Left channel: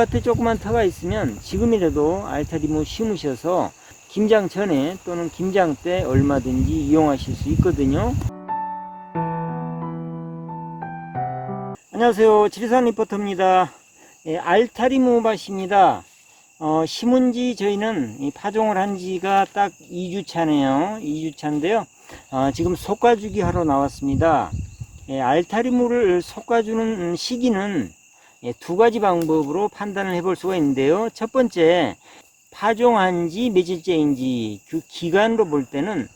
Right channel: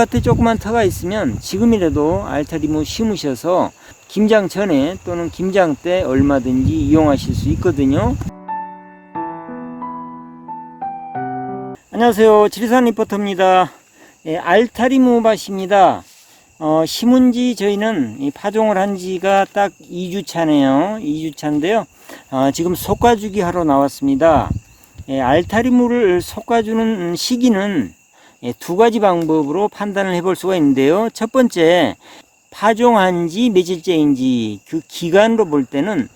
흙밭에 조그만 터가 있으면 지금이라도 알타리무 심으셔서 김장 전에 또는 김장 때 얼마든지 이용하실 수 있거든요. 안녕하세요, 지리산 리포터입니다. 알타리무 밭입니다. 심은 지 저희는 파종을 한 지가 딱 2주 차네요. 2주 차인데요. 지금 솎아주기 하러 나왔습니다. 알타리무를 솎아주는 시기는 두 가지 방법으로 판단을 해볼 수가 있는데요. 첫 번째, 파종한 지 며칠째인지 그 기간으로 볼 때는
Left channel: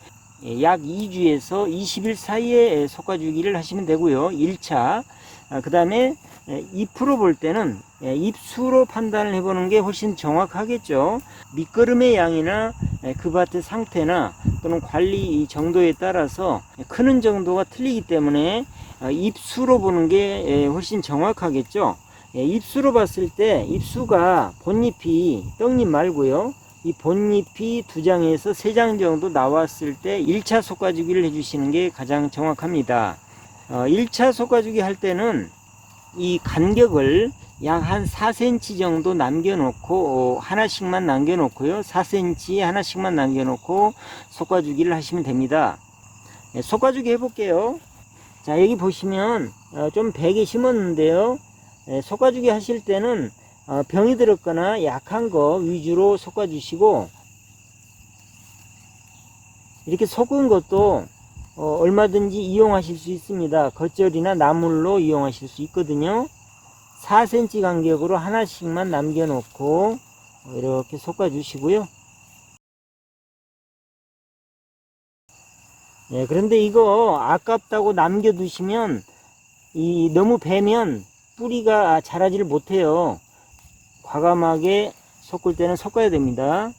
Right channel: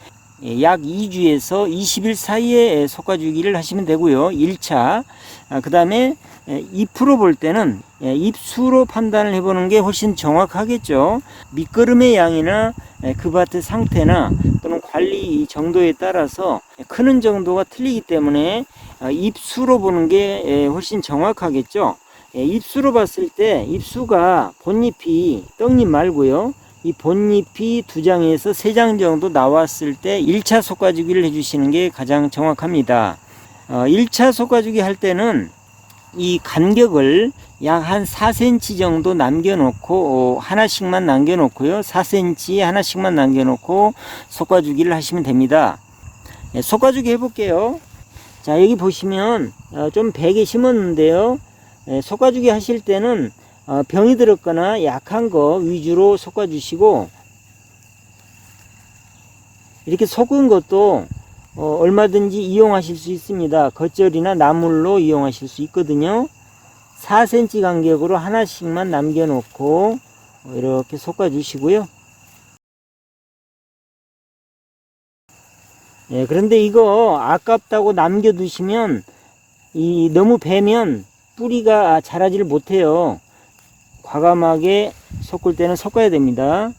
약 2주에서 20일 사이에 솎아주기를 하시면 되고요. 1차. 그 다음에 잎으로 볼 때는 잎수로 판단을 해보는 게 훨씬 정확하겠죠. 밑거름의 양이나 그 밭의 상태나 또는 관리 정도에 따라서 크는 정도가 틀리기 때문에 잎수로 보는 게 훨씬 정확하겠죠. 잎수로 봤을 때 잎수가 본잎이 떡잎 말고요. 이 본잎이 2장에서 3장 정도 나왔을 때 1차 솎아주기를 해주시는 게 가장 정확합니다. 1차 솎아주기 할 때는 이 간격을 약 한 4cm 정도 남겨놓고 하나씩만 남겨놓고요. 4cm 하나씩만 남겨놓고 솎아주기를 하시면 됩니다. 솎아주기 해볼게요. 자, 여기 보시면 좀 베게 심었는데요. 솎아주기 하실 때는 병이 들었거나 약한 거 위주로 솎아주시고, 이렇게 솎은 것도 얼마든지 이용하실 수 있습니다. 겉절이나 나물로 이용하실 수 있거든요. 4cm 간격으로 하나씩만 남겨놓고 이렇게 솎아주시고요. 그런데 이거 아깝다고 남겨두시면 너무 베면 뿌리가 자라지를 못해요. 과감하게 솎을 때는 솎아야 됩니다.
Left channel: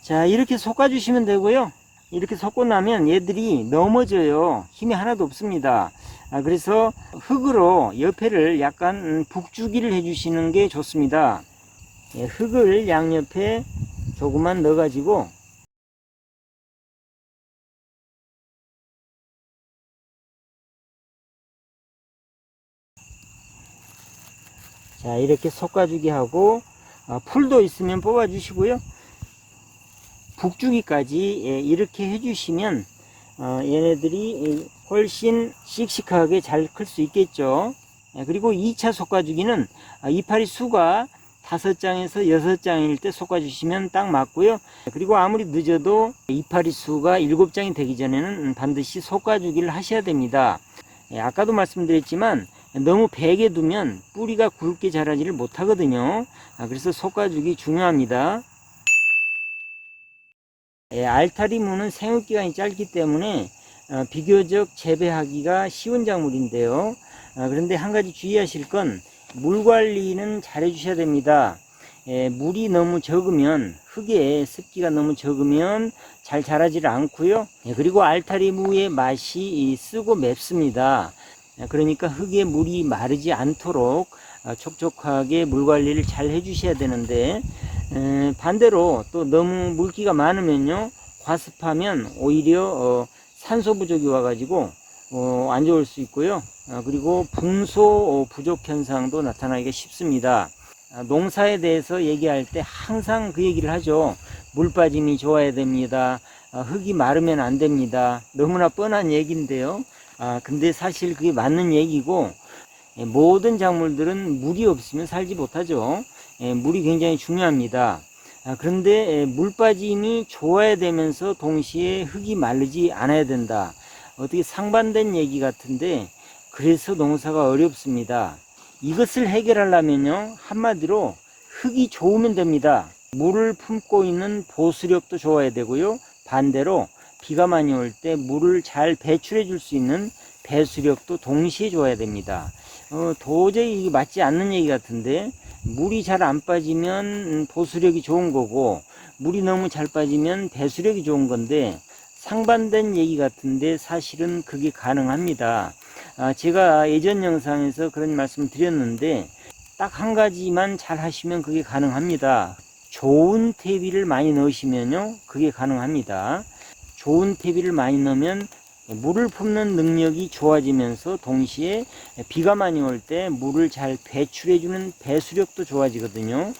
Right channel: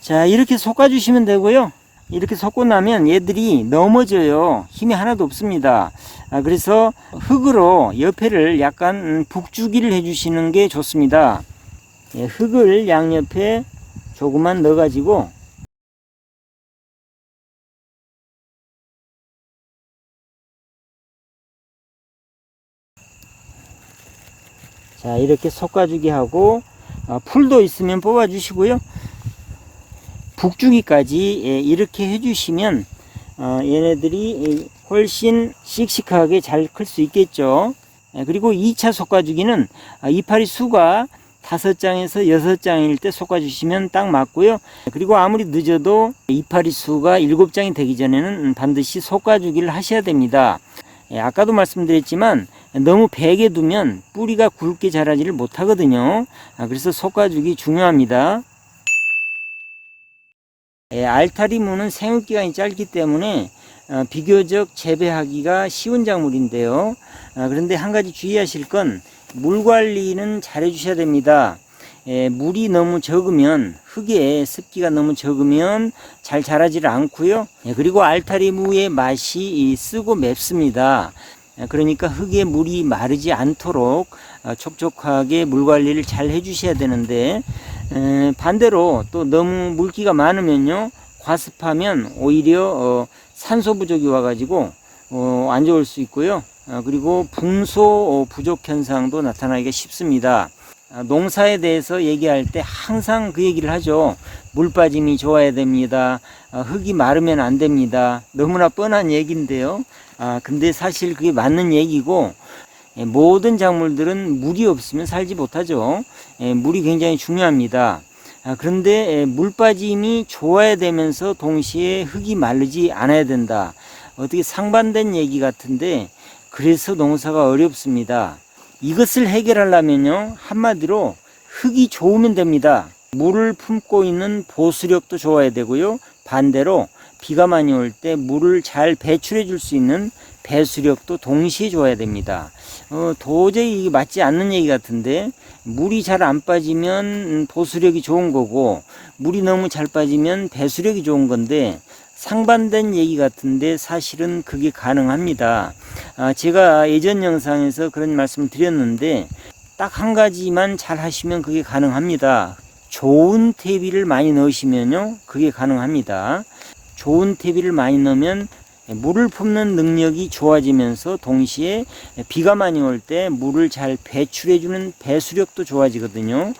자, 이렇게 솎아주시면 되고요. 이렇게 솎고 나면 얘들이 넘어져요. 힘이 하나도 없습니다. 그래서 흙으로 옆에를 약간 북주기를 해주시는 게 좋습니다. 흙을 양옆에 조금만 넣어가지고 자, 이렇게 솎아주기 하고 풀도 있으면 뽑아 주시고요. 북주기까지 이렇게 해주시면 얘네들이 훨씬 씩씩하게 잘 클 수 있겠죠. 그리고 2차 솎아주기는 이파리 수가 5장에서 6장일 때 솎아주시면 딱 맞고요. 그리고 아무리 늦어도 이파리 수가 7장이 되기 전에는 반드시 솎아주기를 하셔야 됩니다. 아까도 말씀드렸지만 너무 베게 두면 뿌리가 굵게 자라지를 못하거든요. 그래서 솎아주기 중요합니다. 알타리무는 생육기간이 짧기 때문에 비교적 재배하기가 쉬운 작물인데요. 그런데 한 가지 주의하실 건 물 관리는 잘 해주셔야 됩니다. 물이 너무 적으면, 흙에 습기가 너무 적으면 잘 자라지를 않고요. 그리고 알타리무의 맛이 쓰고 맵습니다. 그러니까 흙에 물이 마르지 않도록 촉촉하게 물 관리를 잘 해주셔야 되는데, 반대로 또 너무 물기가 많으면요, 과습하면 오히려 산소 부족이 와가지고 안 좋을 수 있고요. 그리고 풍소 부족 현상도 나타나기가 쉽습니다. 농사에 대해서 얘기할 때 항상 그 얘기를 하죠. 물 빠짐이 좋아야 됩니다. 흙이 마르면 안 됩니다. 너무나 뻔한 얘기인데요. 근데 사실 그게 맞는 얘기고, 모든 작물들은 물이 없으면 살지 못하죠. 물이 굉장히 중요합니다. 그런데 물 빠짐이 좋아야 되면서 동시에 흙이 마르지 않아야 된다. 어떻게 상반된 얘기 같은데, 그래서 농사가 어렵습니다. 이것을 해결하려면요, 한마디로 흙이 좋으면 됩니다. 물을 품고 있는 보수력도 좋아야 되고요. 반대로 비가 많이 올 때 물을 잘 배출해 줄 수 있는 배수력도 동시에 좋아야 됩니다. 도저히 이게 맞지 않는 얘기 같은데, 물이 잘 안 빠지면 보수력이 좋은 거고, 물이 너무 잘 빠지면 배수력이 좋은 건데, 상반된 얘기 같은데 사실은 그게 가능합니다. 제가 예전 영상에서 그런 말씀을 드렸는데, 딱 한 가지만 잘 하시면 그게 가능합니다. 좋은 퇴비를 많이 넣으시면요, 그게 가능합니다. 좋은 퇴비를 많이 넣으면 물을 품는 능력이 좋아지면서 동시에 비가 많이 올 때 물을 잘 배출해주는 배수력도 좋아지거든요.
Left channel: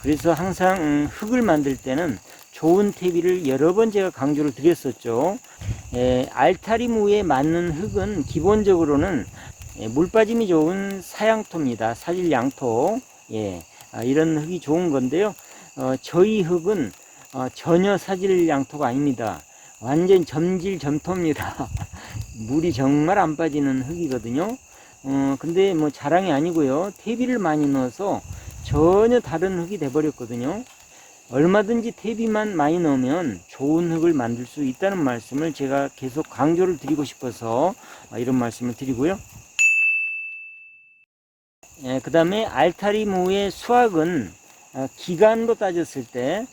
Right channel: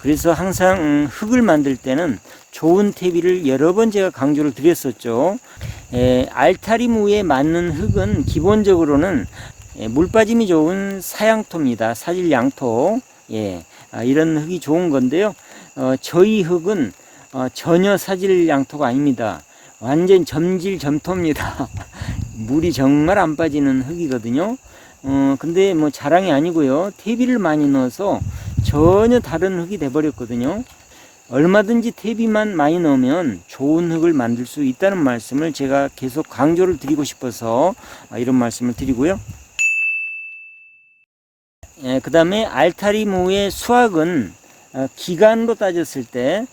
그래서 항상 흙을 만들 때는 좋은 퇴비를 여러 번 제가 강조를 드렸었죠. 알타리무에 맞는 흙은 기본적으로는 물 빠짐이 좋은 사양토입니다. 사질양토. 이런 흙이 좋은 건데요. 저희 흙은 전혀 사질양토가 아닙니다. 완전 점질점토입니다. 물이 정말 안 빠지는 흙이거든요. 근데 뭐 자랑이 아니고요. 퇴비를 많이 넣어서 전혀 다른 흙이 돼버렸거든요. 얼마든지 퇴비만 많이 넣으면 좋은 흙을 만들 수 있다는 말씀을 제가 계속 강조를 드리고 싶어서 이런 말씀을 드리고요. 그 다음에 알타리무의 수확은 기간으로 따졌을 때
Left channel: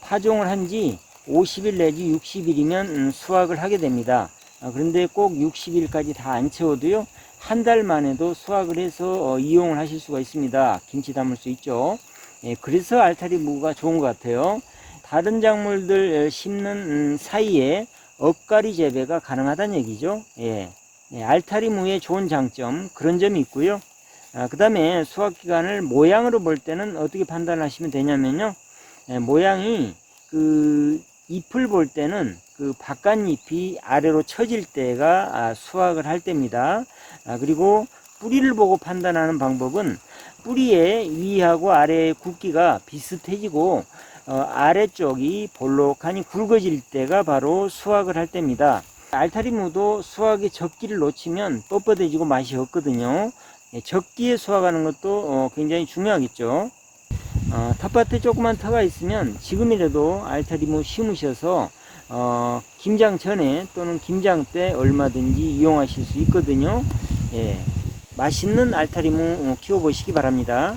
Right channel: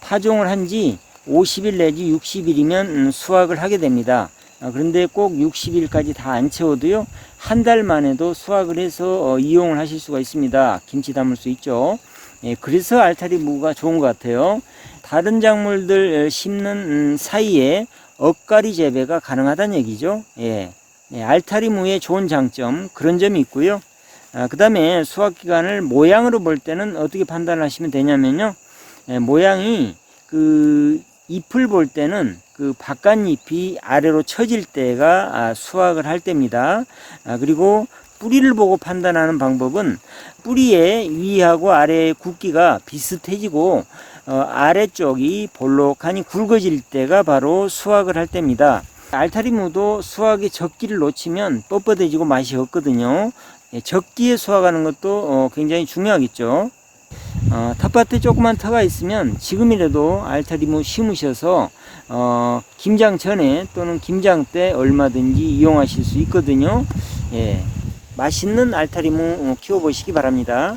파종을 한 지 50일 내지 60일이면 수확을 하게 됩니다. 그런데 꼭 60일까지 다 안 채워도요, 한 달 만에도 수확을 해서 이용을 하실 수가 있습니다. 김치 담을 수 있죠. 그래서 알타리무가 좋은 것 같아요. 다른 작물들 심는 사이에 엇가리 재배가 가능하다는 얘기죠. 알타리무의 좋은 장점, 그런 점이 있고요. 그 다음에 수확 기간을 모양으로 볼 때는 어떻게 판단하시면 되냐면요. 모양이 잎을 볼 때는 바깥잎이 아래로 처질 때가 수확을 할 때입니다. 그리고 뿌리를 보고 판단하는 방법은 뿌리의 위하고 아래의 굵기가 비슷해지고 아래쪽이 볼록하니 굵어질 때가 바로 수확을 할 때입니다. 알타리무도 수확의 적기를 놓치면 뻣뻣해지고 맛이 없거든요. 적기에 수확하는 것도 굉장히 중요하겠죠. 텃밭에 조그만 터가 있으면 지금이라도 알타리무 심으셔서 김장 전에 또는 김장 때 얼마든지 이용하실 수 있거든요. 맛있는 알타리무 키워보시기 바랍니다.